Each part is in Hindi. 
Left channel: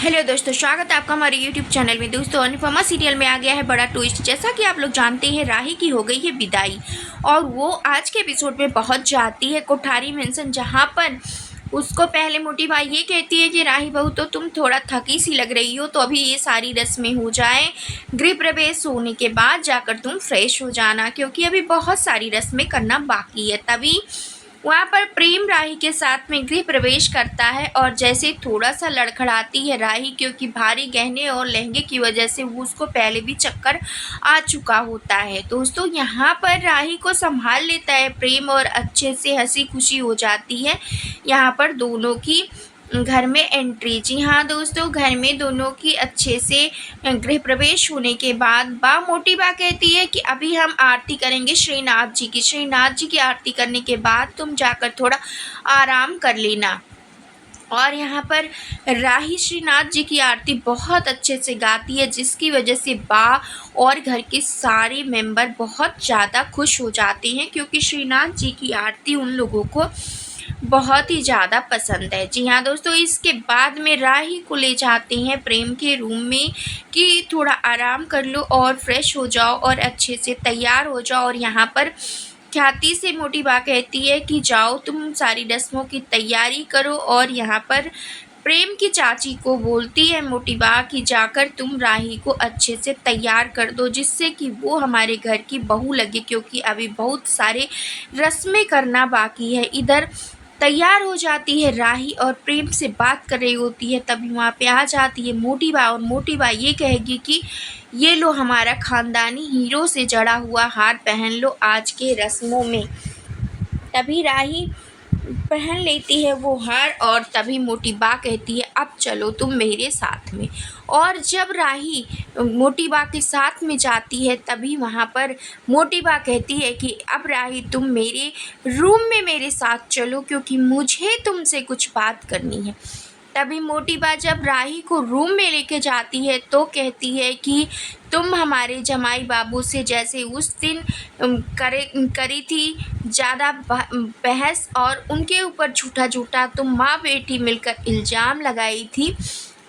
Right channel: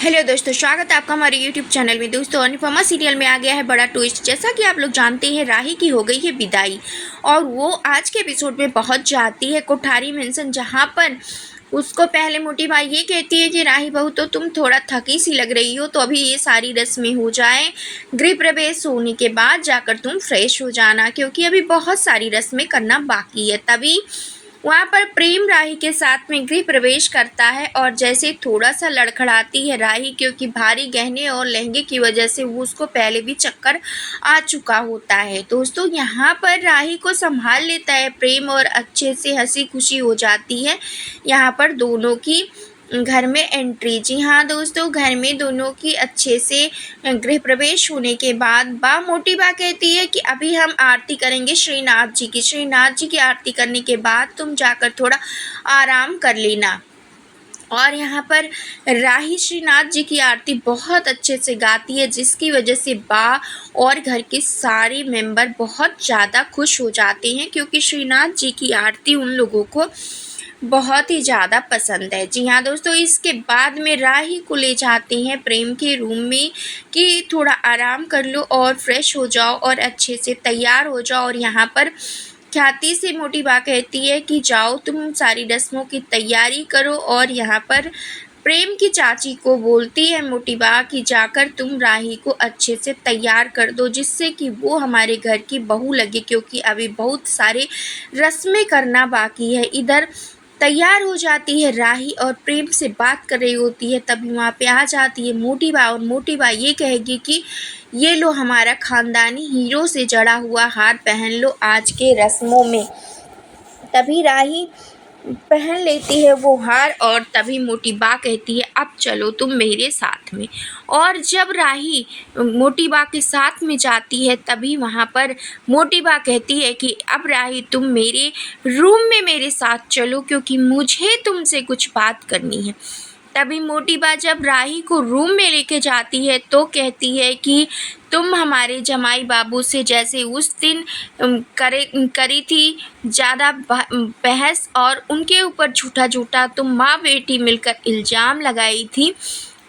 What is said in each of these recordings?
हेलो दोस्तों, स्वागत है आपका हमारे यूट्यूब चैनल में। दोस्तों, अनुपमा सीरियल में आ गया है बड़ा ट्विस्ट। जैसा कि आप लोग जानते हैं, राही की हो गई है विदाई और वो आज के एपिसोड में पहुंच जाती है कोठारी मेंशन, जहां पर उसको पहले मोटी बाई ये कहती है कि राही बहू, तो तुम थोड़ा थकी सी लग रही हो, तो अभी ये सारी रस्में हो जाए, गृह प्रवेश होने के बाद जाकर तुम फ्रेश हो जाना, क्योंकि अभी बहुत सारी रस्में करना बाकी है। तभी वहाँ पर प्रेम राही के साथ में गृह प्रवेश करता है और जैसे थोड़ा सा लड़खड़ाती है राही, क्योंकि भारी गहने और लहंगे की वजह से वो उसको पहले भी चक्कर आ चुका होता है। दोस्तों, यहाँ पर राही को संभाल लेता है प्रेम और अच्छे से हंसी खुशी हो जाती है यहाँ पर दोनों की घर में एंट्री। जी हाँ दोस्तों, घर में दोनों की अच्छे से गृह प्रवेश होने के बाद मोटी बा कहती है कि अभी हम आरती करेंगे श्रीनाथ जी की। श्रीनाथ जी की आरती करने के बाद तुम जाकर थोड़ा आराम कर लेना। और यहाँ पर राही श्रीनाथ जी की आरती बहुत अच्छे से गाती है, जिसकी वजह से बा और घर के सारे मेंबर बहुत ज़्यादा खुश हो जाते हैं, क्योंकि श्रीनाथ जी की आरती उन लोगों को बहुत ही ज़्यादा पसंद है। जी हाँ दोस्तों, इसके बाद में राही को ले जाते हैं प्रेम के रूम में कि थोड़ा आराम कर लो और फ्रेश हो जाओ और अच्छे से तैयार हो जाओ। और यहाँ पर ख्याति से मोटी बा कहती है कि जाओ तुम सारी रस्मों की तैयारी करो। और यहाँ पर प्रेम की चाची को बोलती है मोटी बा कि जाकर तुम राही को अच्छे से तैयार कर दो, जिससे कि वो हमारे घर की बहू लगे, क्योंकि अभी बहुत सारे रस्में करना बाकी है। इधर तैयार हो जाती है राही और प्रेम से बात कर रही होती है, तभी वहाँ पे आ जाती है मोटी बा और मोटी बा ये कहेगी कि ये लो हमारा ख़ानदानी हीरो से जड़ा हुआ हार पहन लो आज के रस्मों में। तभी राही पहन लेती है वो हार और तभी मोटी बा कहती है अब चलो तुम मेरे साथ में। और जब राही मोटी बा के साथ में जाती है, तभी वहाँ पर मोटी बा कहती है कि अब राही तुम मेरे रूम में मेरे साथ चलो, क्योंकि मुझे तुमसे कुछ बात करनी है। तभी मोटी बा जब राही को रूम में लेके जाती है तो कहती है कि तुम हमारे जमाई बाबू से जैसे उस दिन करी थी ज़्यादा बहस और उनके ऊपर झूठा झूठा तुम माँ बेटी मिलकर इल्ज़ाम लगाई थी,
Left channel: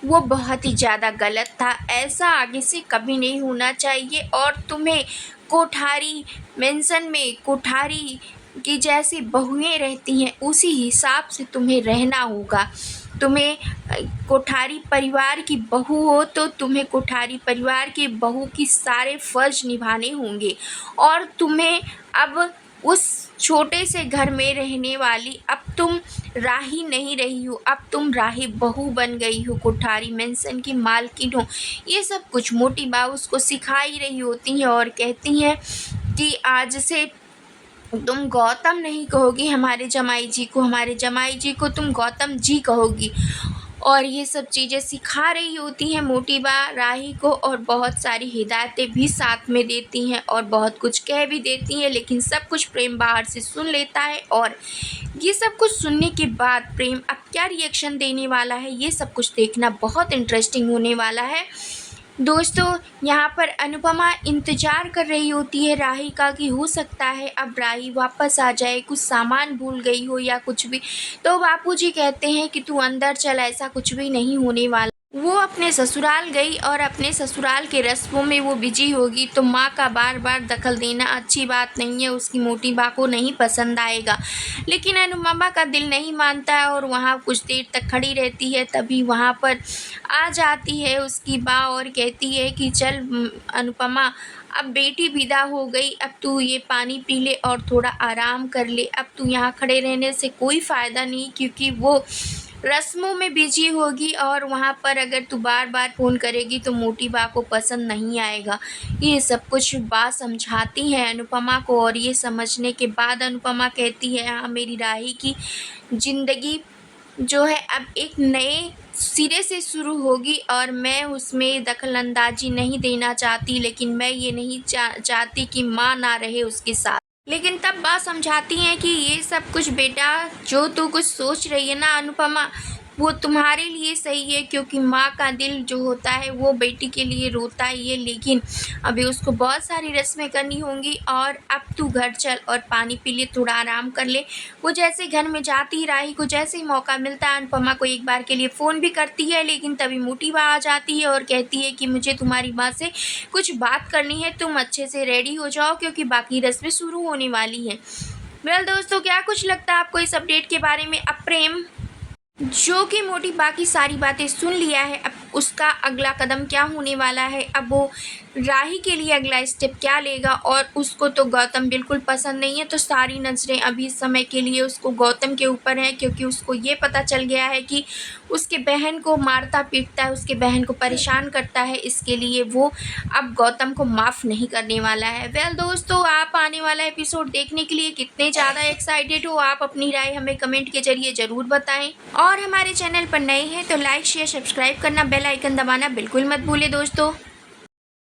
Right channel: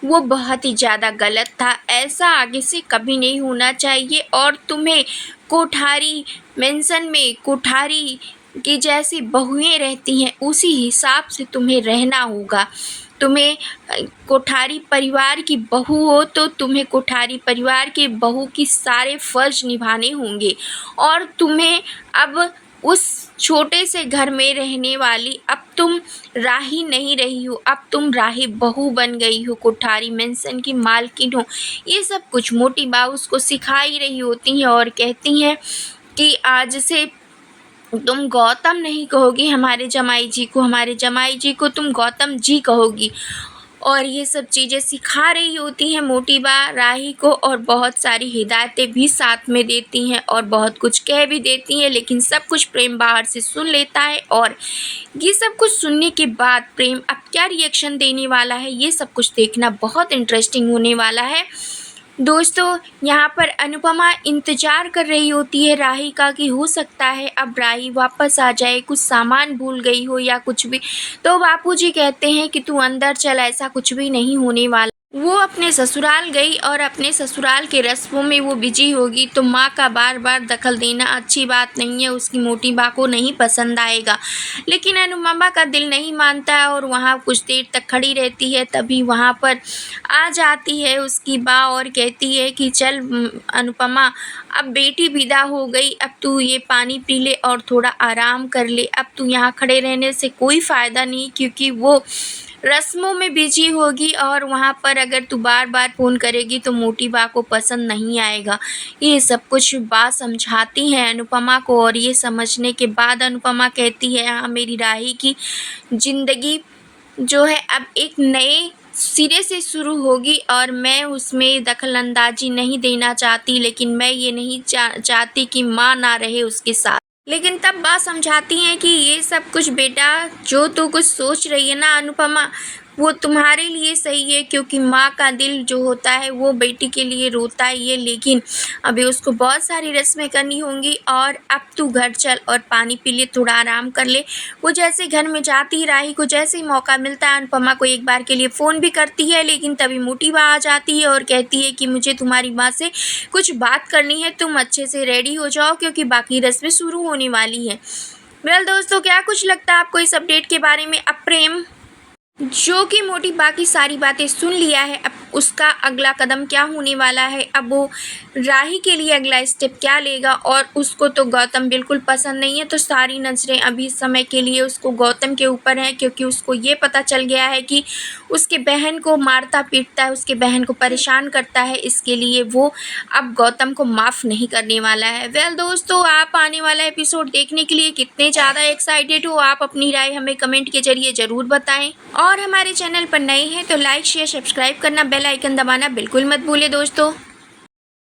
वो बहुत ही ज़्यादा गलत था। ऐसा आगे से कभी नहीं होना चाहिए और तुम्हें कोठारी मेंशन में कोठारी की जैसी बहुएं रहती हैं उसी हिसाब से तुम्हें रहना होगा। तुम्हें कोठारी परिवार की बहू हो तो तुम्हें कोठारी परिवार की बहू की सारे फ़र्ज निभाने होंगे। और तुम्हें अब उस छोटे से घर में रहने वाली अब तुम राही नहीं रही हो, अब तुम राही बहू बन गई हो, कोठारी मेंशन की मालकिन हो। ये सब कुछ मोटी बा उसको सिखाई रही होती हैं और कहती हैं कि आज से तुम गौतम नहीं कहोगी हमारे जमाई जी को, हमारे जमाई जी को तुम गौतम जी कहोगी। और ये सब चीज़ें सिखा रही होती हैं मोटी बा राही को और बहुत सारी हिदायतें भी साथ में देती हैं और बहुत कुछ कह भी देती हैं, लेकिन सब कुछ प्रेम बाहर से सुन लेता है। और ये सब कुछ सुनने के बाद प्रेम अब क्या रिएक्शन देने वाला है, ये सब कुछ देखना बहुत इंटरेस्टिंग होने वाला है। दोस्तों, यहाँ पर अनुपमा इंतज़ार कर रही होती है राही का कि हो सकता है अब राही वापस आ जाए, कुछ सामान भूल गई हो या कुछ भी। तो बापूजी कहते हैं कि तू अंदर चल, ऐसा कुछ भी नहीं होने वाला। वो अपने ससुराल गई और अपने ससुराल के रस्मों में वो बिजी होगी, तो माँ का बार बार दखल देना अच्छी बात नहीं है, उसकी मोटी बा को नहीं पसंद आएगा। लेकिन अनुपमा का दिल नहीं मानता है और वहाँ कुछ देर तक खड़ी रहती है। तभी वहाँ पर आ जाती है उसकी बा और कहती है कि चल अनुपमा, अब बेटी विदा हो गई, अब तू ये पानी पी ले और थोड़ा आराम कर ले। अब तू यहाँ खड़े रहने से कोई फ़ायदा नहीं, क्योंकि वो रस्मों में बिजी होगी और वहाँ पर अगर तू बार बार फ़ोन करेगी तो मोटी बा को पसंद नहीं आएगा। ये सब कुछ बा समझाती हैं अनुपमा को और ये समझने के बाद अनुपमा कहती है हाँ, मेरी राही की ज़िंदगी जो है अब एक नए सिरे से शुरू होगी और मैं उसमें दखल अंदाजी नहीं देना चाहती, लेकिन मैं ये नहीं चाहती कि माँ ना रहे उसके साथ। लेकिन तब बा समझाती हैं कि ये सब कुछ बेटा जो तू कुछ सोच रही है ना अनुपमा, वो तुम्हारे लिए सही है, क्योंकि माँ का दिल जो होता है वो बेटी के लिए रोता ही है। लेकिन अभी उसको बहुत सारी रस्में करनी होंगी और अब तू घर चल और पानी पी ले, थोड़ा आराम कर ले। वो जैसे घर में जाती ही राही को जैसे ही मौका मिलता है अनुपमा को एक बार के लिए फ़ोन भी करती है, लेकिन तभी मोटी बा आ जाती है और कहती है कि मुझे तुम्हारी माँ से कुछ बात करनी है, तुम अच्छे से रेडी हो जाओ क्योंकि बाकी रस्में शुरू होने वाली हैं। वेल दोस्तों, क्या कुछ लगता है आपको इस अपडेट के बारे में? अब प्रेम जो कि मोटी बाकी सारी बातें सुन लिया है, अब उसका अगला कदम क्या होने वाला है, अब वो राही के लिए अगला स्टेप क्या लेगा। और उसको तो गौतम बिल्कुल पसंद नहीं है, तो सारी नज़रें अभी समय के लिए उसको गौतम के ऊपर हैं, क्योंकि उसको ये पता चल गया है कि उसके बहन को मारता पीटता है, उसके बहन को परेशान करता है। इसके लिए वो अब गौतम को माफ़ नहीं करने वाला है। वेल दोस्तों, आप आने वाला एपिसोड देखने के लिए कितने ज़्यादा एक्साइटेड हो, आप अपनी राय हमें कमेंट के जरिए ज़रूर बताएं। और हमारे चैनल पर नए हैं तो लाइक शेयर सब्सक्राइब करना, बेल आइकन दबाना बिल्कुल मत भूलें दोस्तों।